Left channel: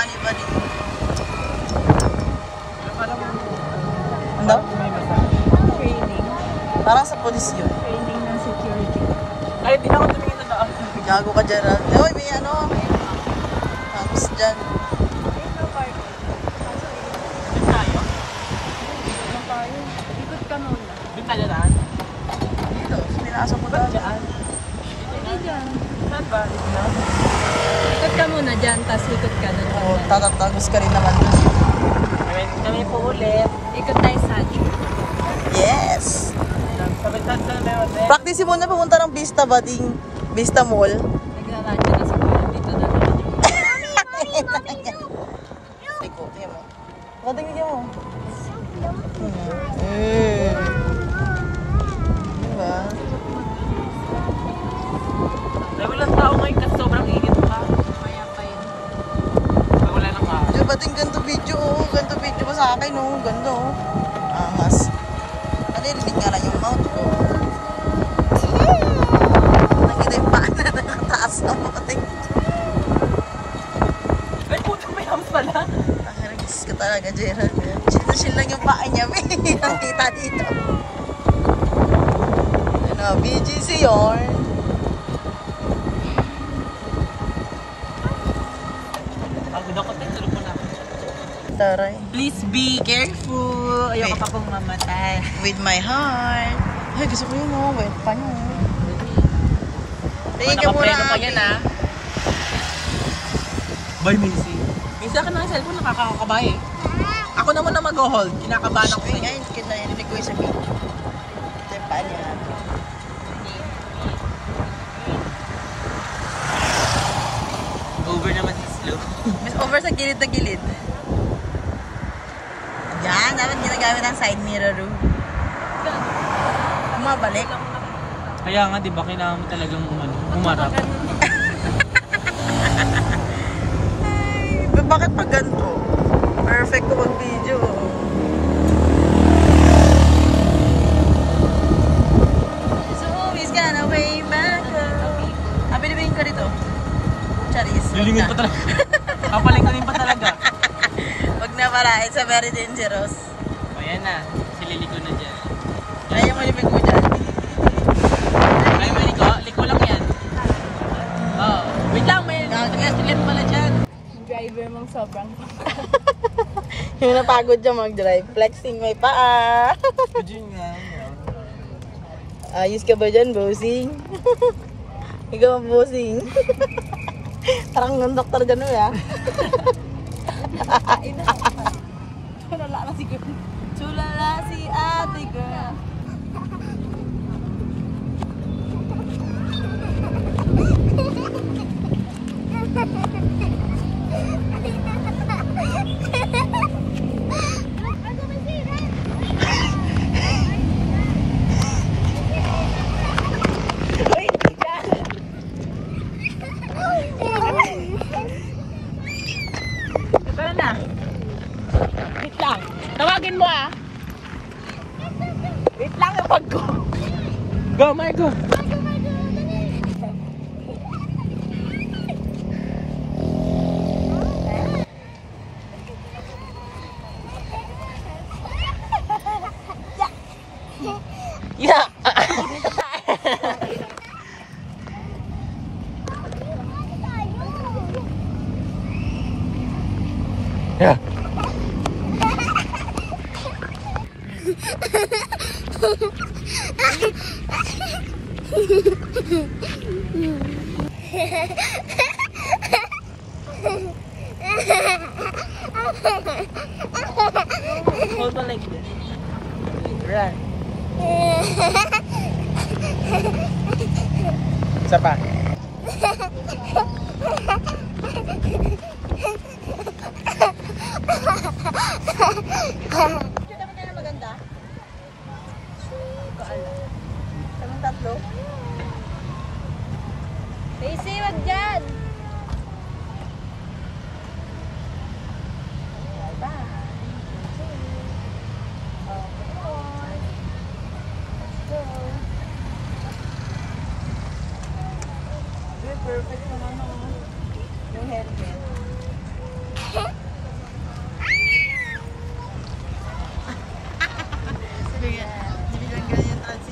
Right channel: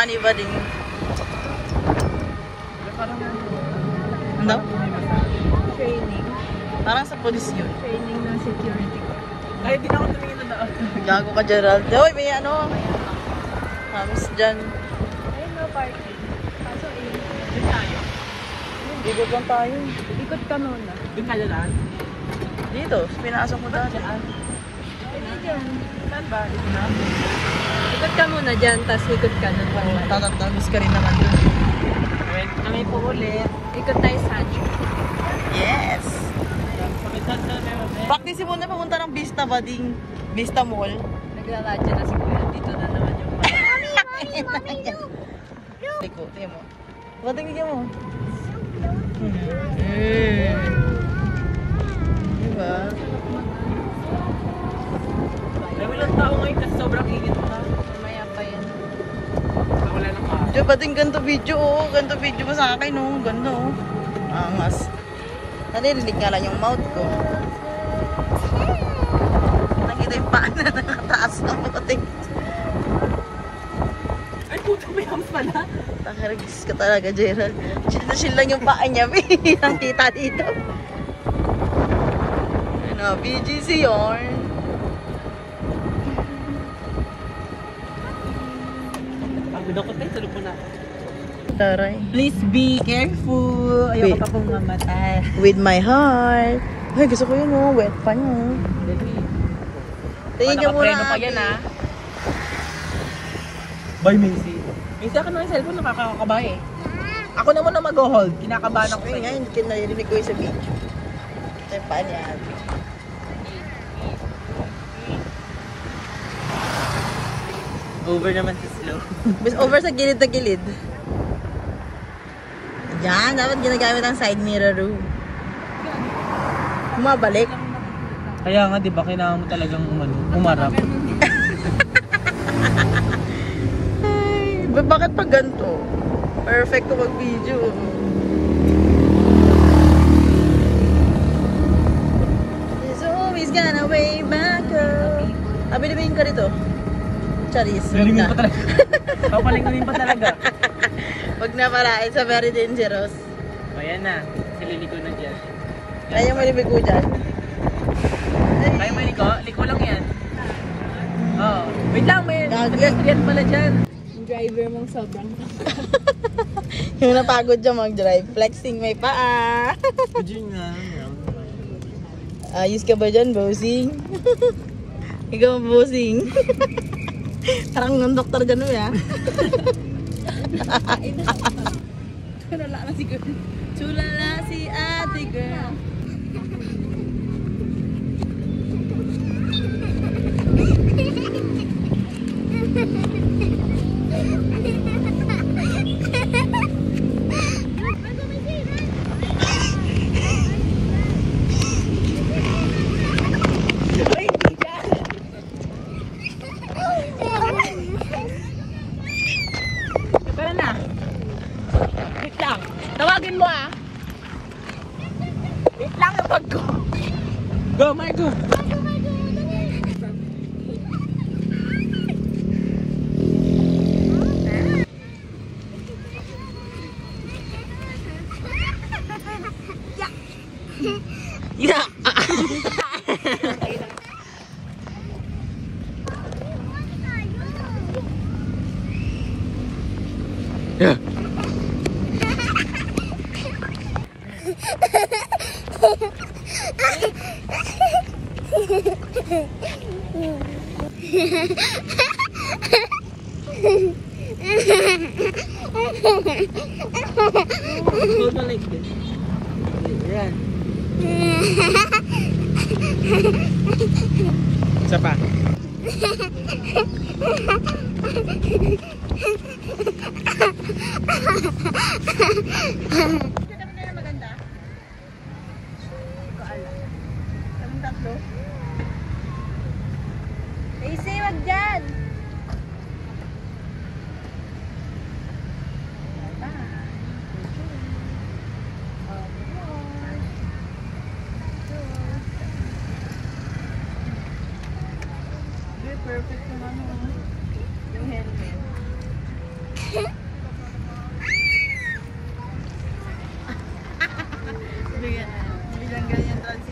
paa ni Buddy. Ano? Training. Parang sa polis yun. Training ng security. Ay, di na ako tumingin na daan. Gago ka, Gerald. Hoy, may ano. Hams dyan. Ayun mo, parking. Kaso Doon tayo. Ikot lang tayo. ikot ka muna. Doon tayo daan. Dito, pinasok mo dati. Hindi dyan. Saan ba? Ikot ka muna dyan, tapos ikot ka dun. Oo, tatatagos ka rin naman dun. Kami po ulit. Ikot tayo sa Yes! Sabay-sabay ko na yun. Practice mo na pumunta ng Vista Bading Vista Mall. Naglalakad na si Kuya. Dito na naman. Liko, tingnan mo. Patingin mo. Diba? Ay, walang tao ngayon kasi sobrang init pa. Maya pa yun. Ay, wala nang araw. Diba bating ganito video oh. Ganito video mo sa akin oh. Ganda oh. Angas. Nalilinig nga lang yung mouth ko. Nakita yung paa na nakataas ng boting. Ay, puto, may hams pala. Takaragis ka talaga, Gerald. Chill lang yung paa niya. Nakita dito. Ano, BGC yun. Pagod ako tayo, tulog mo na. Taray. Please be careful. Ayoko Wait. pa pong mamatay. With my heart. Ay, gusto ko yun oh. Wet pa no. Tingin ka muna. Nakapreno pa yan, ah. Bye, Macy. Macy, akin na ang cellphone, nakakakabay eh. Ako naman na mag-hold. Kinakabahan ako Ay, sa'yo. ngayon, kinarinig ko yung sabi. Ito yung paa niya. Over naman si Slow. Mas over sa gilid na gilid. Yan, dapat ginagamit ang side mirror room. Bumabalik. Kaya nga, di ba, kailangan mo talagang umarap. Ay, bakit pa ganito? Perfect ko mag-video. It's always gonna way back up. Abinibihin ka rito. Charis. Galingan pa talaga. Papalinganin pa talaga. Huwag na pala, it's a very dangerous. O yan na, sililiko na dyan. Kaya mo libig ko dyan. Kaya mo liko? Liko lang yan. Oh, wait lang, may yan pala dyan. Yung driver mong sobrang Yung napagod dyan mag-drive. Flexing may paa. Diyan nga. Ayos ka ba dyan, bossing? Ikaw ang bossing. Parang ng doktor dyan mo ya. Tulala na si girl. Tulala si ate girl. Tara na. Wait lang. Tawagin mo ah. Wait lang yung bag ko. Go, Margo. Yeah. Yeah. Hold on like this. Okay, run. Isa pa. Maganda. Kaming tatlo. Macy, wag dyan! Perfect na naman. Yung helmet. Sige, hindi lang ganyan translate.